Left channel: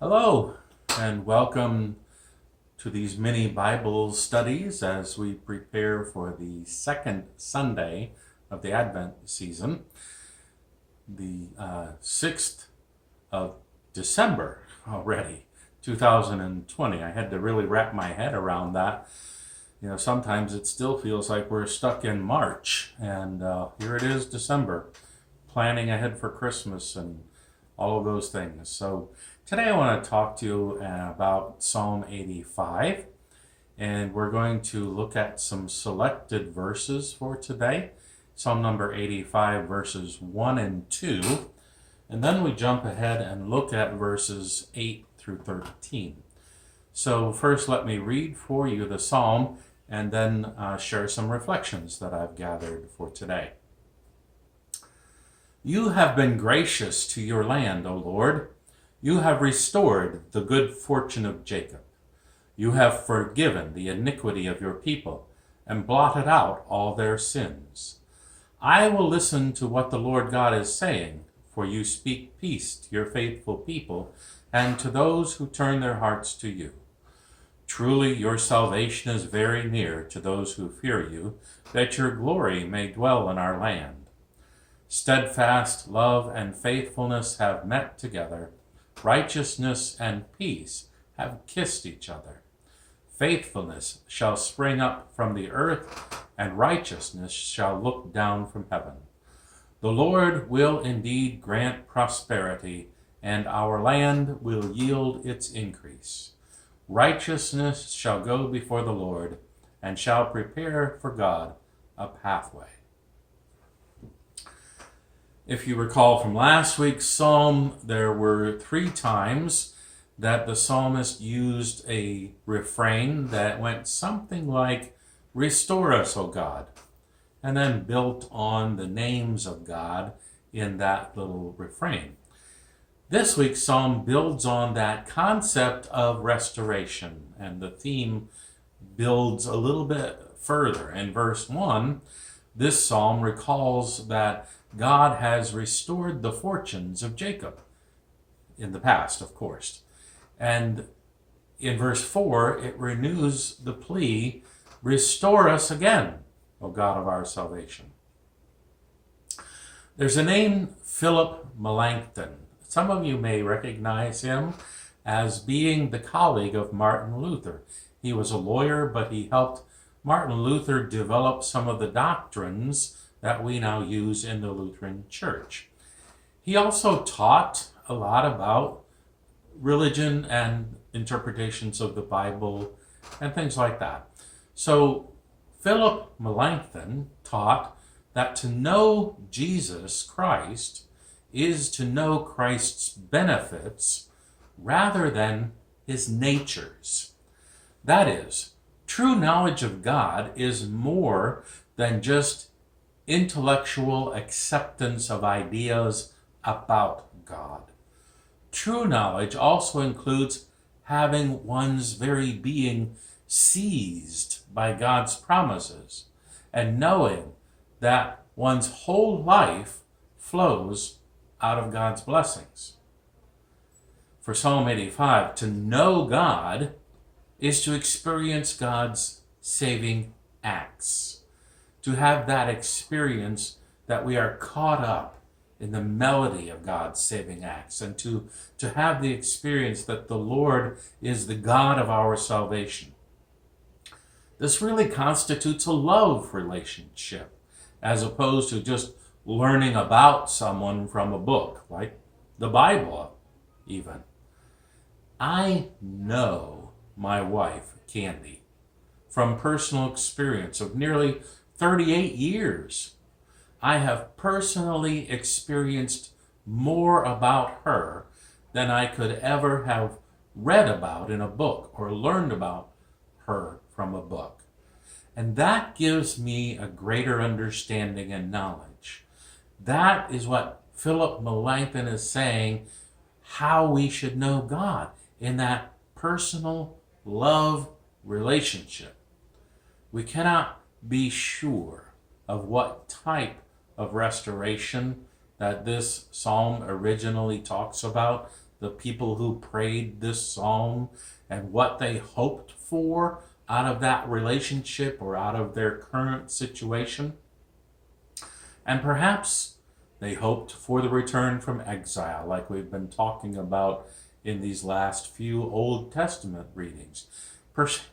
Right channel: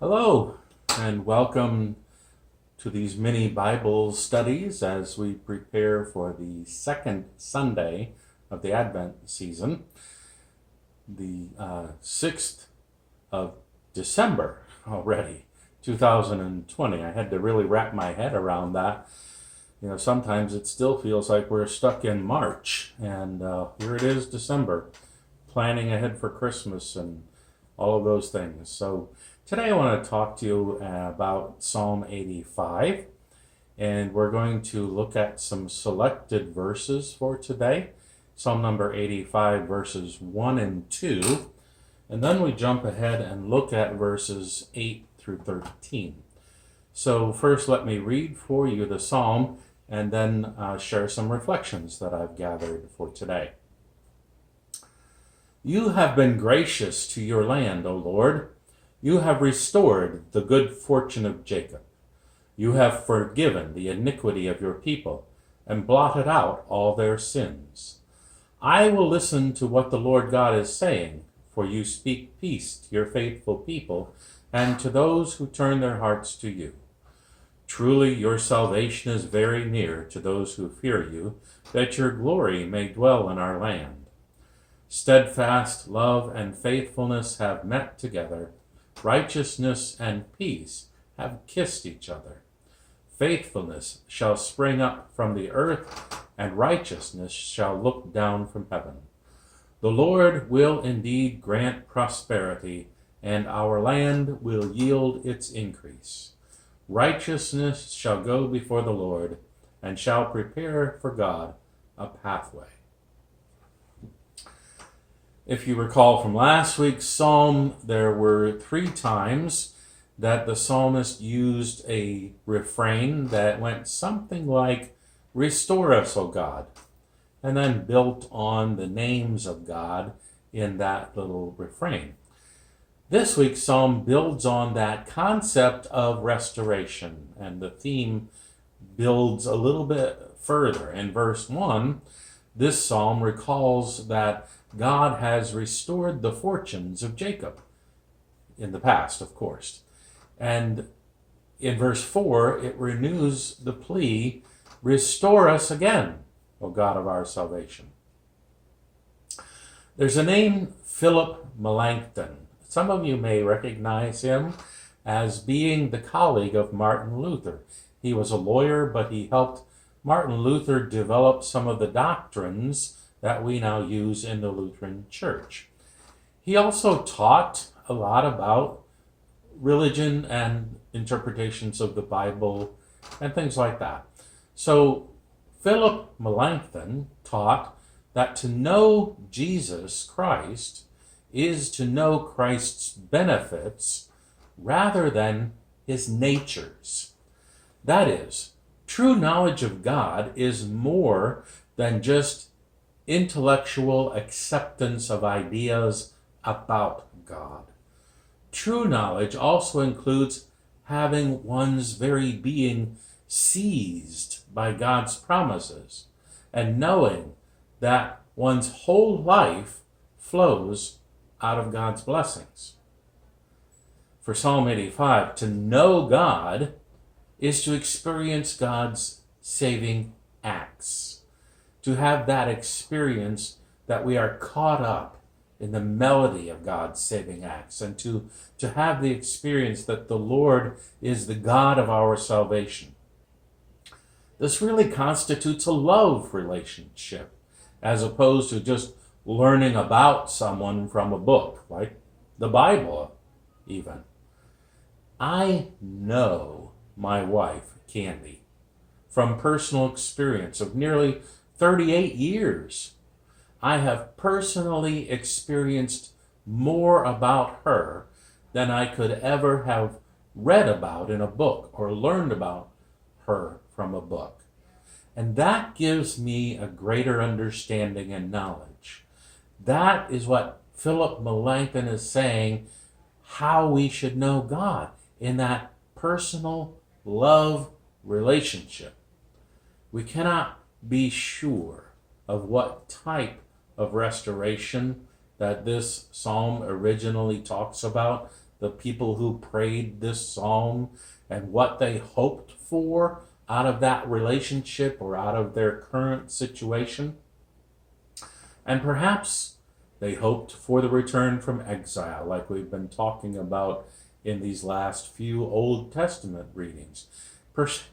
Hello, and welcome to these mini Bible studies as we prepare for the second Sunday of the Advent season, the 6th of December already, 2020. I had to really wrap my head around that. Sometimes it still feels like we're stuck in March, and here it is, December, planning ahead for Christmas and all of those things. So today I want to talk to you about Psalm 85, and we're going to look at some selected verses for today. Psalm number 85, verses 1 and 2, and then we jump ahead and look at verses 8 through 13. So first let me read for you the psalm and then share some reflections that I've gathered for today. You have been gracious to your land, O Lord. You have restored the good fortune of Jacob. You have forgiven the iniquity of your people and blotted out all their sins. I will listen to what the Lord God is saying, for you speak peace to your faithful people and to those who turn their hearts to you. Truly your salvation is very near to those who fear you, that your glory may dwell in our land. Steadfast love and faithfulness have met together. Righteousness and peace have kissed each other. Faithfulness shall spring up from the earth, and righteousness shall look down from heaven. The Lord will indeed grant prosperity, and our land will yield its increase. Righteousness shall go before the Lord, and shall prepare for God a pathway. If you recall from last week's psalm, there were 3 times that the psalmist used a refrain that went something like, "Restore us, O God," and then built on the names of God in that little refrain. This week's psalm builds on that concept of restoration, and the theme builds a little bit further. In verse 1, this psalm recalls that God has restored the fortunes of Jacob, in the past, of course. And in verse 4, it renews the plea, "Restore us again, O God of our salvation." There's a name, Philip Melanchthon. Some of you may recognize him as being the colleague of Martin Luther. He was a lawyer, but he helped Martin Luther develop some of the doctrines that we now use in the Lutheran Church. He also taught a lot about religion and interpretations of the Bible and things like that. So Philip Melanchthon taught that to know Jesus Christ is to know Christ's benefits rather than his natures. That is, true knowledge of God is more than just intellectual acceptance of ideas about God. True knowledge also includes having one's very being seized by God's promises and knowing that one's whole life flows out of God's blessings. For Psalm 85, to know God is to experience God's saving acts. To have that experience that we are caught up in the melody of God's saving acts, and to have the experience that the Lord is the God of our salvation. This really constitutes a love relationship, as opposed to just learning about someone from a book, like the Bible even. I know my wife, Candy, from personal experience of nearly 38 years. I have personally experienced more about her than I could ever have read about in a book or learned about her from a book. And that gives me a greater understanding and knowledge. That is what Philip Melanchthon is saying, how we should know God in that personal love relationship. We cannot be sure of what type of restoration that this psalm originally talks about the people who prayed this psalm and what they hoped for out of that relationship or out of their current situation. And perhaps they hoped for the return from exile, like we've been talking about in these last few Old Testament readings.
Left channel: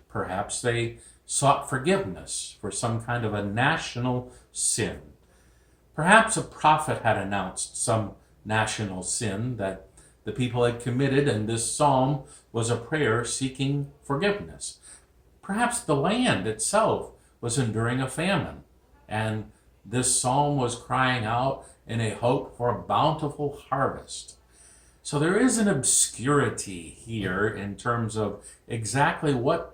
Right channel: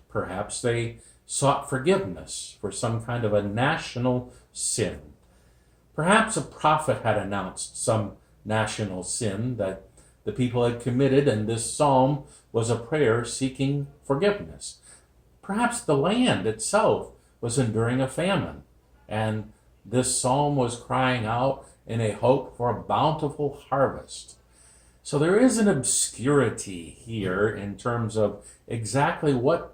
Perhaps they sought forgiveness for some kind of a national sin. Perhaps a prophet had announced some national sin that the people had committed, and this psalm was a prayer seeking forgiveness. Perhaps the land itself was enduring a famine, and this psalm was crying out in a hope for a bountiful harvest. So there is an obscurity here in terms of exactly what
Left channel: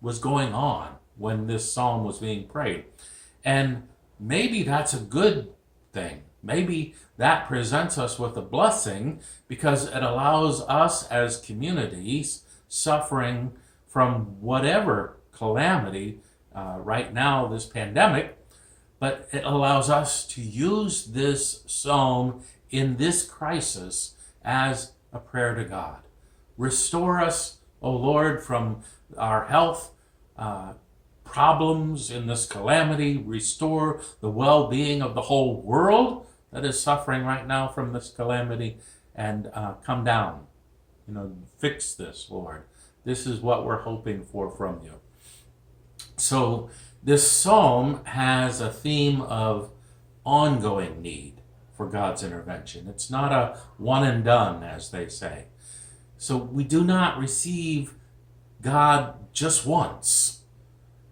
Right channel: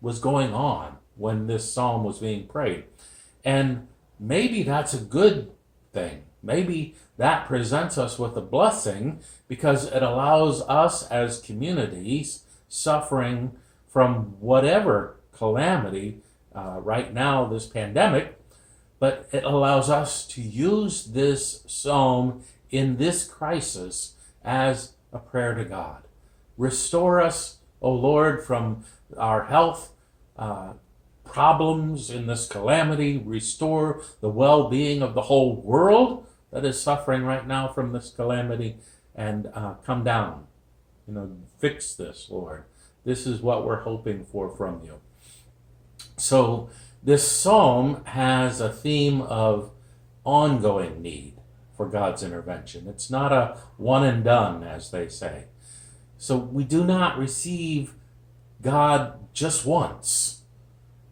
was going on when this psalm was being prayed. And maybe that's a good thing. Maybe that presents us with a blessing because it allows us as communities suffering from whatever calamity right now, this pandemic, but it allows us to use this psalm in this crisis as a prayer to God. Restore us, O Lord, from our health problems in this calamity. Restore the well-being of the whole world that is suffering right now from this calamity, and come down. Fix this, Lord. This is what we're hoping for from you. So this psalm has a theme of ongoing need for God's intervention. It's not a one and done, as they say. So we do not receive God just once,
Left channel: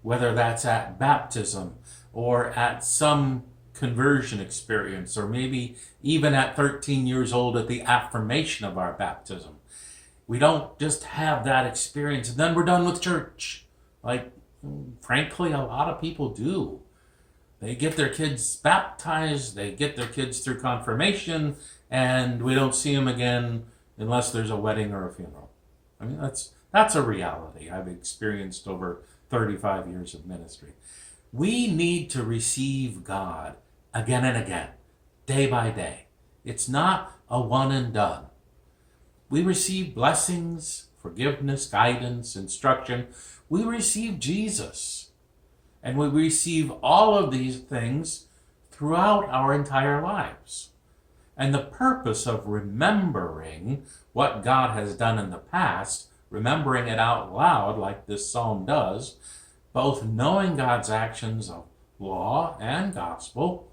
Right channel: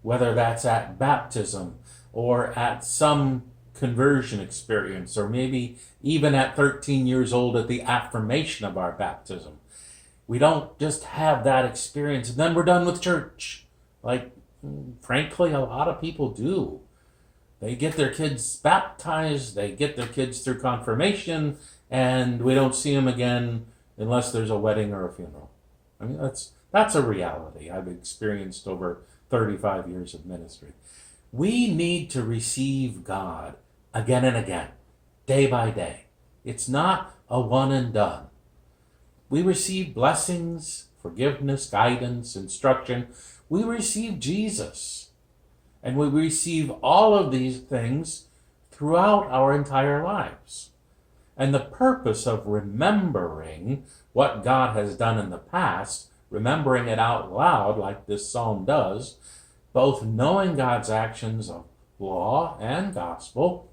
whether that's at baptism or at some conversion experience, or maybe even at 13 years old at the affirmation of our baptism. We don't just have that experience and then we're done with church, like frankly a lot of people do. They get their kids baptized, they get their kids through confirmation, and we don't see them again unless there's a wedding or a funeral. I mean, that's a reality I've experienced over 35 years of ministry. We need to receive God again and again, day by day. It's not a one and done. We receive blessings, forgiveness, guidance, instruction. We receive Jesus. And we receive all of these things throughout our entire lives. And the purpose of remembering what God has done in the past, remembering it out loud like this psalm does, both knowing God's actions of law and gospel,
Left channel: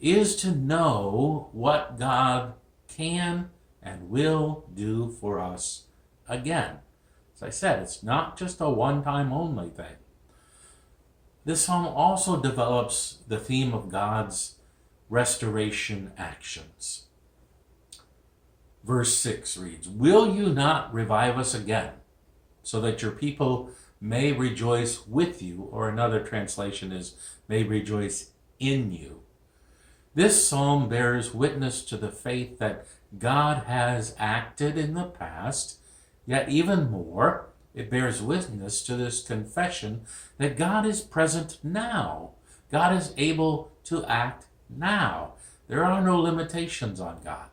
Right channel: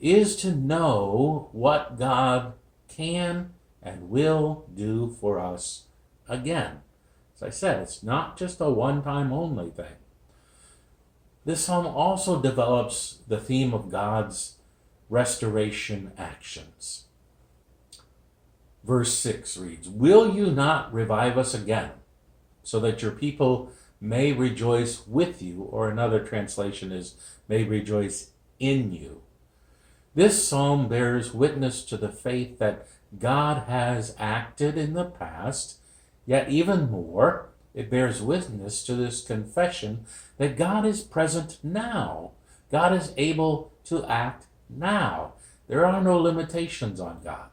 is to know what God can and will do for us again. As I said, it's not just a one-time only thing. This psalm also develops the theme of God's restoration actions. Verse 6 reads, "Will you not revive us again, so that your people may rejoice with you?" Or another translation is, "may rejoice in you." This psalm bears witness to the faith that God has acted in the past, yet even more, it bears witness to this confession that God is present now. God is able to act now. There are no limitations on God.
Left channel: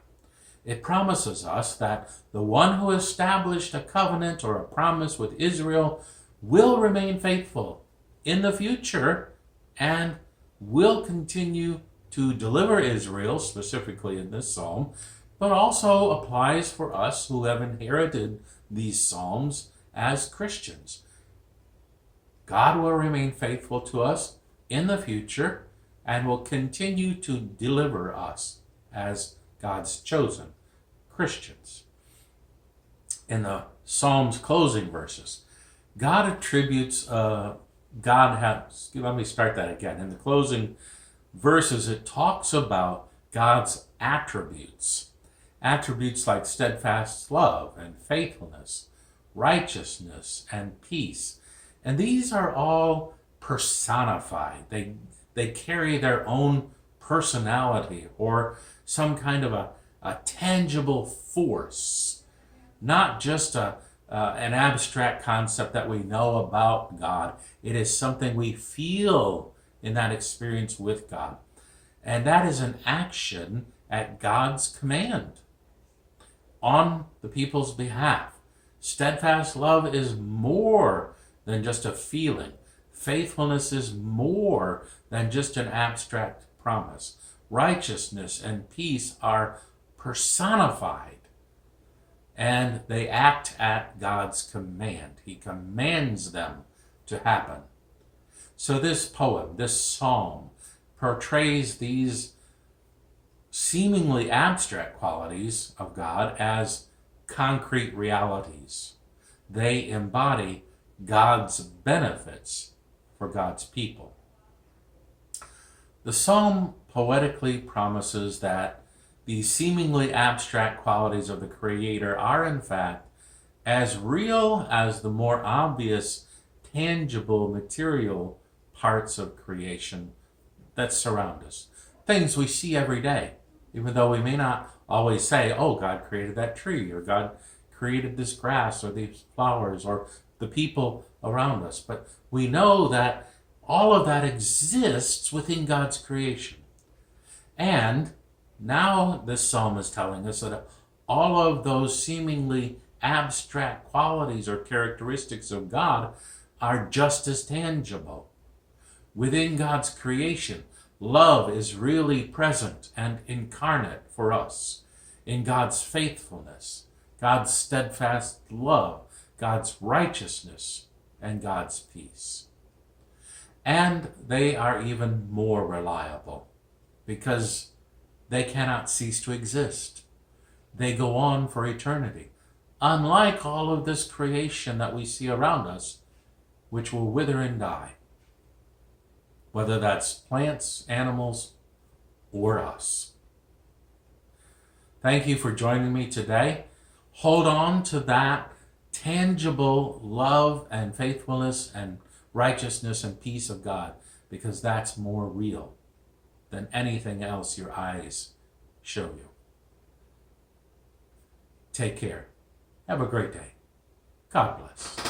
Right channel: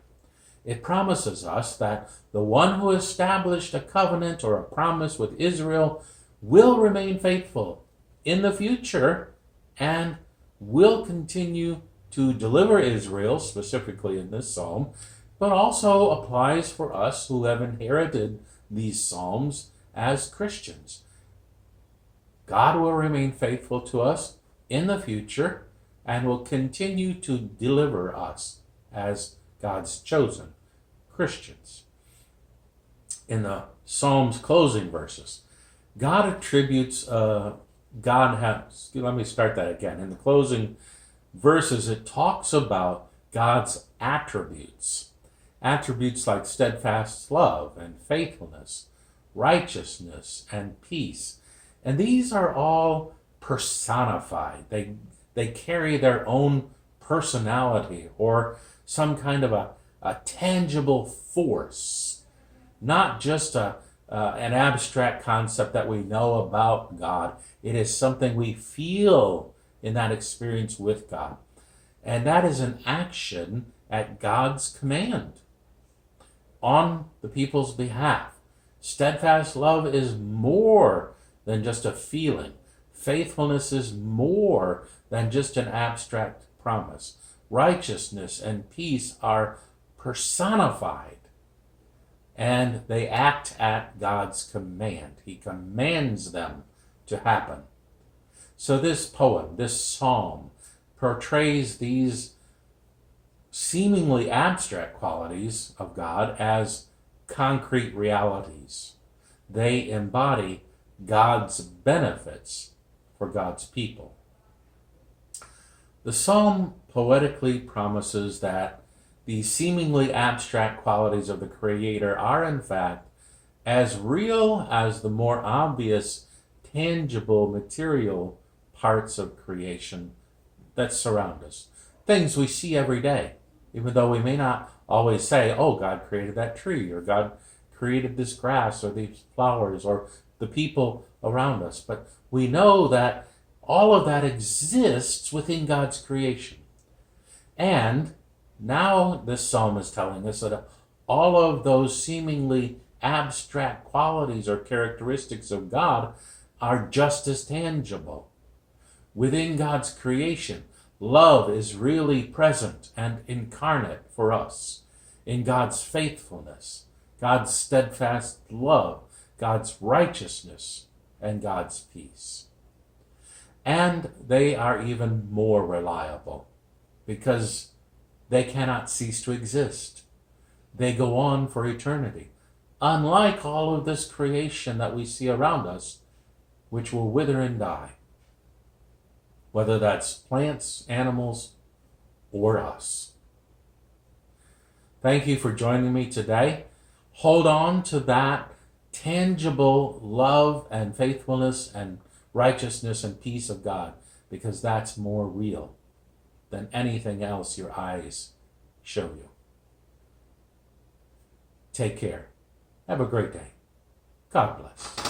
It promises us that the one who established a covenant or a promise with Israel will remain faithful in the future and will continue to deliver Israel, specifically in this psalm, but also applies for us who have inherited these psalms as Christians. God will remain faithful to us in the future and will continue to deliver us as God's chosen Christians. In the Psalm's closing verses, God attributes, let me start that again. In the closing verses, it talks about God's attributes. Attributes like steadfast love and faithfulness, righteousness and peace. And these are all personified. They carry their own personality or some kind of a tangible force, not just an abstract concept that we know about God. It is something we feel in that experience with God. And that is an action at God's command. on the people's behalf. Steadfast love is more than just a feeling. Faithfulness is more than just an abstract promise. Righteousness and peace are personified, and they act at God's command. He commands them to happen. So this poem, this psalm, portrays these seemingly abstract qualities of God as concrete realities. They embody God's benefits for God's people. The psalm poetically promises that these seemingly abstract qualities of the Creator are in fact as real as the more obvious, tangible, material parts of creation that surround us. Things we see every day, even though we may not always say, oh, God created that tree, or God created this grass, or these flowers, or the people around us. But we know that all of that exists within God's creation. And now this psalm is telling us that all of those seemingly abstract qualities or characteristics of God are just as tangible. Within God's creation, love is really present and incarnate for us in God's faithfulness, God's steadfast love, God's righteousness, and God's peace. And they are even more reliable because they cannot cease to exist. They go on for eternity, unlike all of this creation that we see around us, which will wither and die, whether that's plants, animals, or us. Thank you for joining me today. Hold on to that tangible love and faithfulness and righteousness and peace of God, because that's more real than anything else your eyes show you. Take care. Have a great day. God bless.